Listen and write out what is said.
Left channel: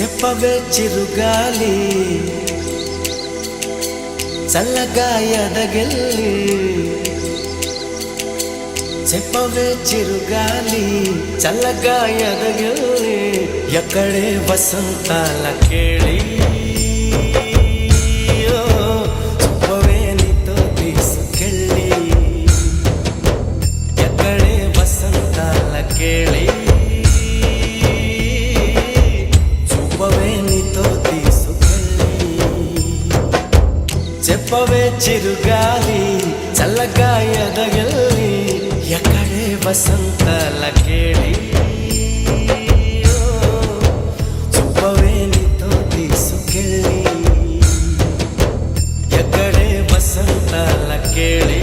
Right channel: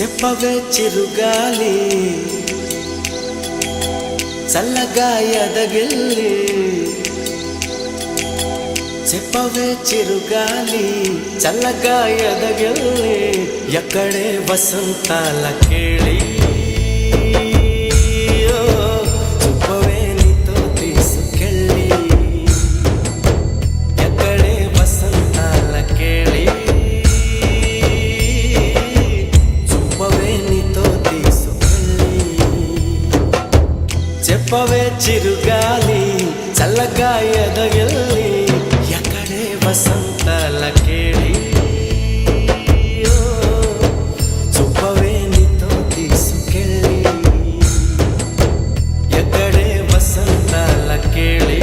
చెప్పవే చిరుగాలి చల్లగా ఎదగిల్లి చెప్పవే చిరుగాలి చల్లగా ఎదగిల్లి ఎక్కడే వసంతాల కేళి చూపవే నీతో తీసుకెళ్ళి ఎక్కడే వసంతాల కేళి చూపవే నీతో తీసుకెళ్ళి చెప్పవే చిరుగాలి చల్లగా ఎదగిల్లి ఎక్కడే వసంతాల కేళి చూపవే నీతో తీసుకెళ్ళి ఎక్కడే వసంతాల కేళి